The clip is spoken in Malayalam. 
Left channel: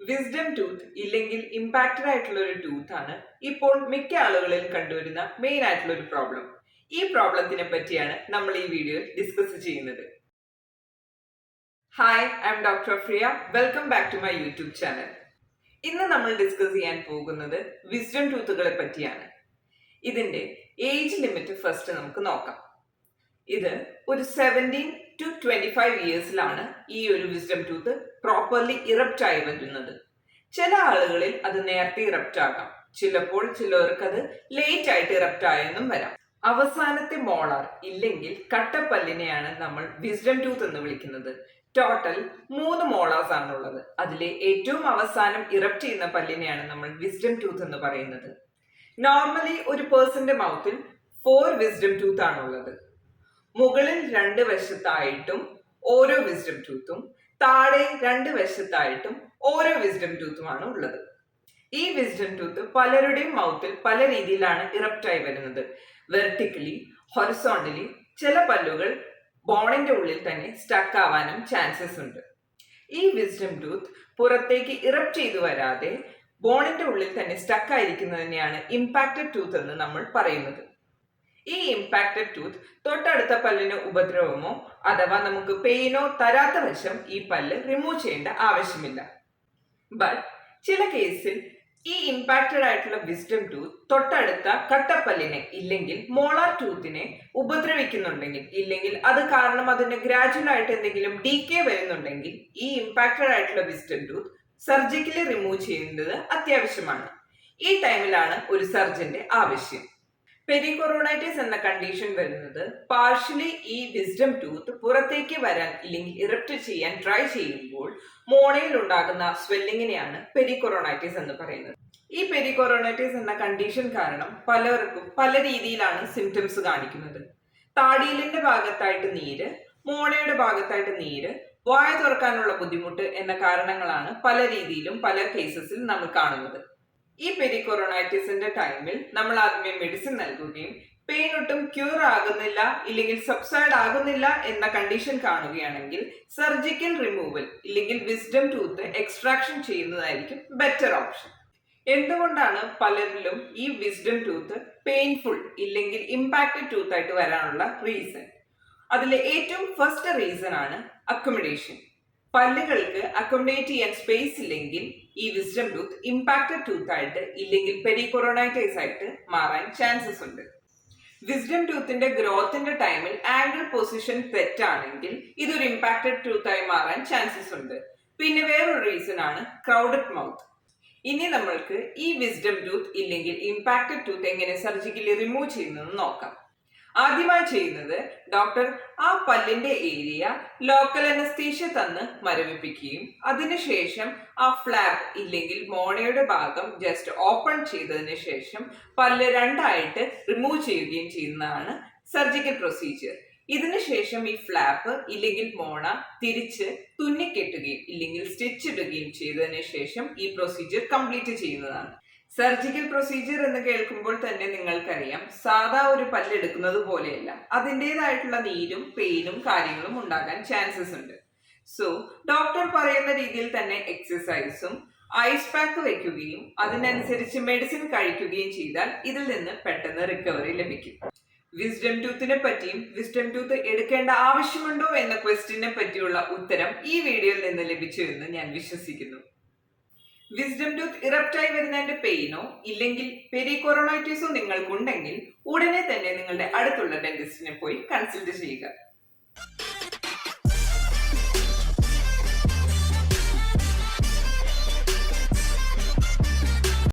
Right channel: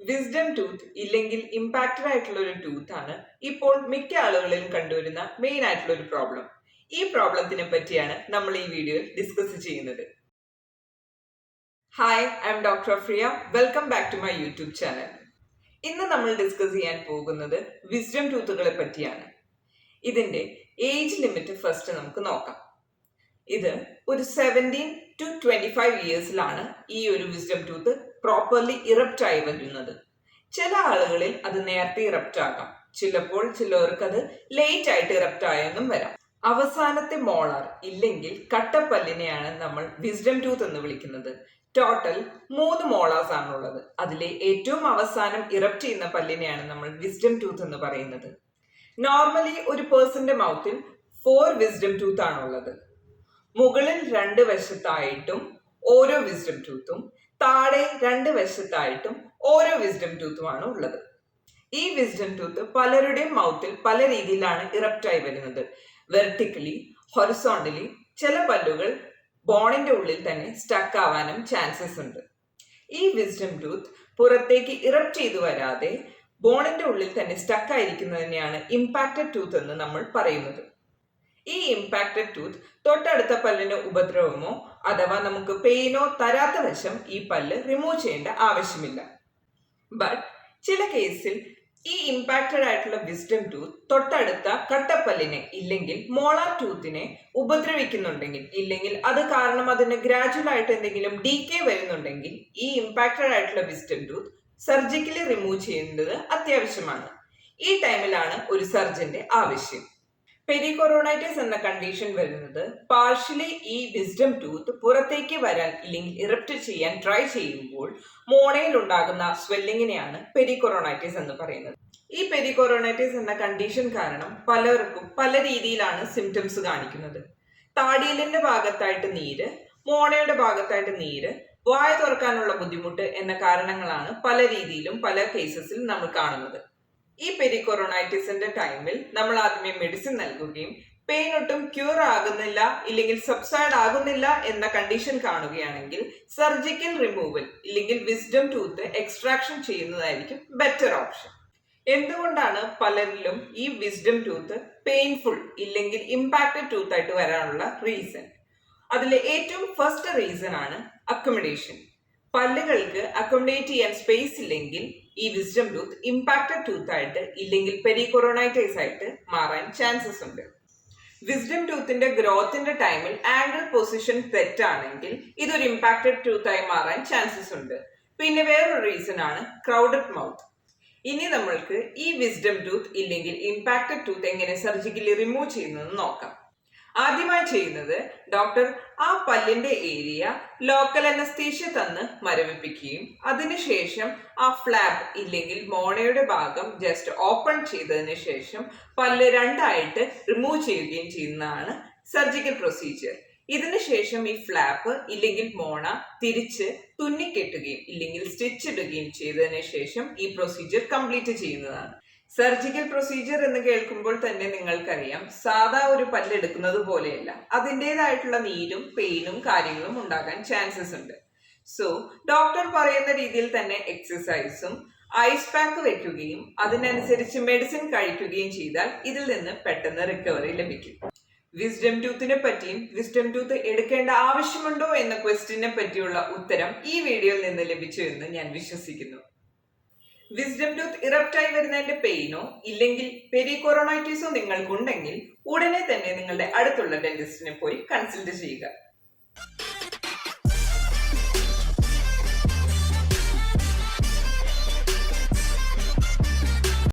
വിസ്ഡം ടൂത്ത് ഇല്ലെങ്കിൽ ഇമ്പാക്റ്റഡ് ആയിട്ടുള്ള ഒരു ടൂത്ത് ആണ് ഇപ്പോൾ മിക്ക ആളുകളിലും കണ്ടുവരുന്ന മെയിൻ ആയിട്ടുള്ള ഒരു പ്രോബ്ലം. ഈ പ്രോബ്ലത്തിനെ പറ്റിയാണ് നമ്മൾ ഈ വീഡിയോയിൽ ഡിസ്കസ് ചെയ്യുന്നത്. Hi, I am doctor Friya. Welcome back to my YouTube channel. ഇന്ന് നമ്മൾ ഡിസ്കസ് ചെയ്യാൻ പോകുന്നത് വിസ്ഡം ടൂത്തുകളെ പറ്റിയാണ്. ഇതിന്റെ ഏജ് ലിമിറ്റ് ഫസ്റ്റ് നമുക്ക് നോക്കാം. ഇത് ഒരു 17 to 25 ഇയേഴ്സിലാണ് ഈ ഒരു വിസ്ഡം ടൂത്ത് പ്രോപ്പർലി ഇറപ്റ്റ് ആയി വരുന്നത്. ചില ആളുകളിൽ അത് നേരത്തെ ഇറപ്റ്റ് ആകാം, ചിലർക്ക് അത് ലേറ്റ് ആയിട്ട് ഇറപ്റ്റ് ആയെന്നും വരാം. അവസാനത്തെ മോളാർ ഇല്ലെങ്കിൽ കട്ടപ്പല്ലിനെയാണ് നമ്മൾ വിസ്ഡം ടൂത്ത് എന്ന് വിളിക്കുന്നത്. ടോട്ടൽ 3 മോളാർസ് ആണുള്ളത്. അതിലെ ഏറ്റവും അവസാനം ഇറപ്റ്റ് ചെയ്യുന്ന പല്ലിനെയാണ് നമ്മൾ വിസ്ഡം ടൂത്ത് എന്ന് പറയുന്നത്. നോർമലി ഒരു പേഴ്സന്റെ മൗത്തിൽ 4 വിസ്ഡം ടൂത്ത് ആണുള്ളത്. മുകളിൽ 2 വശത്തായിട്ടും ഓരോ വിസ്ഡം ടൂത്തും, താഴെ 2 വശത്തായിട്ടും ഓരോ വിസ്ഡം ടൂത്തുമാണ് ഉള്ളത്. ഈ വിസ്ഡം ടൂത്ത് പലരുടെയും മൗത്തിൽ പല രീതിയിലാണ് ഇറപ്റ്റ് ആയി വരുന്നത്. Vertically, horizontally. ചില പല്ലുകൾ ബോണിന്റെ ഉള്ളിൽ തന്നെ സ്റ്റക്ക് ആവാനും ചാൻസസ് ഉണ്ട്. ഈ വിസ്ഡം ടൂത്ത് പുറത്തേക്ക് ഇറപ്റ്റ് ചെയ്തു വരാതെ ബോണിന്റെ ഉള്ളിൽ തന്നെ സ്റ്റക്ക് ആയിരിക്കുന്നതിനെയാണ് ഇമ്പാക്റ്റഡ് ടൂത്ത് എന്ന് നമ്മൾ പറയുന്നത്. ഈ ഇമ്പാക്റ്റഡ് ടൂത്ത് തൊട്ടടുത്ത പല്ലിന് ഉപദ്രവമോ അഥവാ നമുക്ക് പെയിനോ തരാത്ത വശം ഈ പല്ല് റിമൂവ് ചെയ്യേണ്ട ആവശ്യമില്ല. ബട്ട് ചില കേസിൽ ഈ ഇമ്പാക്റ്റഡ് ആയിട്ടുള്ള വിസ്ഡം ടൂത്ത് തൊട്ടടുത്ത കട്ടപ്പല്ലിനെ ഇല്ലെങ്കിൽ മോളാർ ടൂത്തിനെ ഉപദ്രവിക്കുന്നുണ്ടെങ്കിൽ, ഇല്ലെങ്കിൽ അത് കാരണം അതിന് ഗ്രാജുവൽ ആയിട്ട് എന്തെങ്കിലും ഡീകേ വരുന്നുണ്ടെങ്കിൽ ഈ ഇമ്പാക്റ്റഡ് ആയിട്ടുള്ള വിസ്ഡം ടൂത്ത് സർജിക്കലി റിമൂവ് ചെയ്യേണ്ടത് അത്യാവശ്യമാണ്. ഈ ടൈമിലാണ് ഒരു സർജന്റെ ആവശ്യം. പെരികൊറോണൈറ്റിസ് എന്ന കണ്ടീഷൻ വരുന്നത് പാർഷ്യലി ഈ വിസ്ഡം ടൂത്ത് പുറത്തേക്ക് വരാൻ ഇല്ലെങ്കിൽ ഇറപ്റ്റ് ചെയ്യാൻ ട്രൈ ചെയ്യുമ്പോൾ മോണയിൽ ഉണ്ടാകുന്ന സ്വെല്ലിങ്ങിനെയാണ് പെരികൊറോണൈറ്റിസ് എന്ന് പറയുന്നത്. ഈ പെരികൊറോണൈറ്റിസ് എന്ന കണ്ടീഷൻ കാരണം പലർക്കും പല രീതിയിലാണ് സിംറ്റംസ് കാണിക്കുന്നത്. താടിയലിന്റെ ഭാഗത്തായിട്ട് നീര്, മോണയുടെ ഭാഗത്തായിട്ട് നീര്, വായ തുറക്കാനുള്ള ബുദ്ധിമുട്ട് എന്ന കാരണങ്ങളാണ് പല രീതിയിലും പല കേസസിൽ നമ്മൾ കാണുന്നത്. ഈ പെരികൊറോണൈറ്റിസിന്റെ ടൈമിൽ നമ്മൾ ആദ്യമേ മെഡിസിൻ നൽകുകയും പെയിൻ ഒട്ടും ക്യൂർ ആകുന്നില്ല ഇല്ലെങ്കിൽ സബ്സൈഡ് ആകുന്നില്ല എന്ന കണ്ടീഷൻ കാണുകയാണെങ്കിൽ സർജിക്കൽ റിമൂവൽ ഇല്ലെങ്കിൽ വിസ്ഡം ടൂത്ത് എക്സ്ട്രാക്ഷൻ ചെയ്യുന്നതായിരിക്കും ബെറ്റർ ഓപ്ഷൻ. എന്തുകൊണ്ടാണ് പലരിലും ഈ വിസ്ഡം ടൂത്ത് പെയിൻഫുൾ ഇല്ലെങ്കിൽ ഇമ്പാക്റ്റഡ് ടൂത്ത് ആയിട്ട് വരാനുള്ള റീസൺ? അതിലെ ഏറ്റവും ഫസ്റ്റ് റീസൺ ആണ് അക്കോമഡേഷൻ. പല്ലുകൾക്ക് അക്കോമഡേറ്റ് ചെയ്യാൻ സ്പേസ് ഇല്ലെങ്കിൽ ഈ വിസ്ഡം ടൂത്ത് ഇമ്പാക്റ്റഡ് ടൂത്ത് ആയിട്ട് ഇല്ലെങ്കിൽ പെരികൊറോണൈറ്റിസ് ആയിട്ട് മാറാൻ ചാൻസസ് ഉണ്ട്. വിസ്ഡം ടൂത്തിന്റെ ഗ്രോത്തിന്റെ ടൈമിൽ ആംഗിൾ പൊസിഷൻ തെറ്റാണെങ്കിൽ ഇതൊരു ഇമ്പാക്റ്റഡ് ടൂത്ത് ആയി മാറാൻ ചാൻസസ് ഉണ്ട്. പിന്നെ വേറൊരു റീസൺ ആണ് ക്രൗഡഡ് മൗത്ത്. ഇനി നമ്മൾക്ക് ഈ വിസ്ഡം ടൂത്ത് ഇല്ലെങ്കിൽ ഇമ്പാക്റ്റഡ് ടൂത്ത് എങ്ങനെ സർജിക്കലി റിമൂവ് ചെയ്യുന്നതെന്ന് നോക്കാം. ആദ്യമായി ചെയ്യുന്നത് ഡോക്ടർ ആ പല്ലിന്റെ ഏരിയ ലോക്കൽ അനസ്തീഷ്യ തന്ന് മരവിപ്പിക്കുകയും അതിനുശേഷം ആ ഫ്ലാപ്പ് ഇല്ലെങ്കിൽ മോണയുടെ ഭാഗം ജസ്റ്റ് ഓപ്പൺ ചെയ്തതിന് ശേഷം പല്ല് 2 ആയിട്ട് റിമൂവ് ചെയ്യുകയും ചെയ്യുന്നതാണ് സർജിക്കൽ പ്രൊസീജിയർ. ഇതിനുശേഷം ഈ ഫ്ലാപ്പ് ഇല്ലെങ്കിൽ മോണ തിരിച്ച് തുന്നിക്കെട്ടുകയും ഇല്ലെങ്കിൽ സ്റ്റിച്ച് ഇടുകയും ചെയ്തതിന് ശേഷം ഈ പ്രൊസീജിയർ കംപ്ലീറ്റ് ചെയ്യുന്നതാണ്. സർജിക്കൽ പ്രൊസീജിയർ എന്ന് കേൾക്കുമ്പോൾ തന്നെ നിങ്ങൾക്കറിയാം, സാധാ ഒരു പല്ല് എടുക്കുന്നത് പോലെയല്ല. അതിൻ്റെതായിട്ടുള്ള നീരും പെയിനും കാര്യങ്ങളും ഉണ്ടാകാൻ ചാൻസസ് ഉണ്ട്. സോ ഡോക്ടർ പറയുന്ന രീതിയിൽ തന്നെ എക്സസൈസും ഐസ് പാക്ക് വെക്കുകയും അതിനനുസരിച്ച് മെഡിസിൻ കഴിക്കുകയും ചെയ്താൽ ഇതിൽ നിന്ന് പെട്ടെന്ന് റിക്കവറി ലഭിക്കും. വിസ്ഡം ടൂത്തിനെ പറ്റിയും വിസ്ഡം ടൂത്ത് എടുക്കേണ്ട ആവശ്യമുണ്ടോ എന്ന ക്വസ്റ്റ്യനെ പറ്റിയുള്ള ഉത്തരം ഈ വീഡിയോയിൽ നിന്ന് ലഭിച്ചു എന്ന് ഞാൻ വിശ്വസിക്കുന്നു. വിസ്ഡം ടൂത്ത് ഇറപ്റ്റായി വരുന്നതിന്റെ പെയിനോ ഇല്ലെങ്കിൽ പെരികൊറോണൈറ്റിസോ നിങ്ങൾക്കുണ്ടെങ്കിൽ ഉടനെ തന്നെ നിങ്ങളുടെ അടുത്തുള്ള ഡെന്റിസ്റ്റിനെ പോയി കൺസൾട്ട് ചെയ്യുക.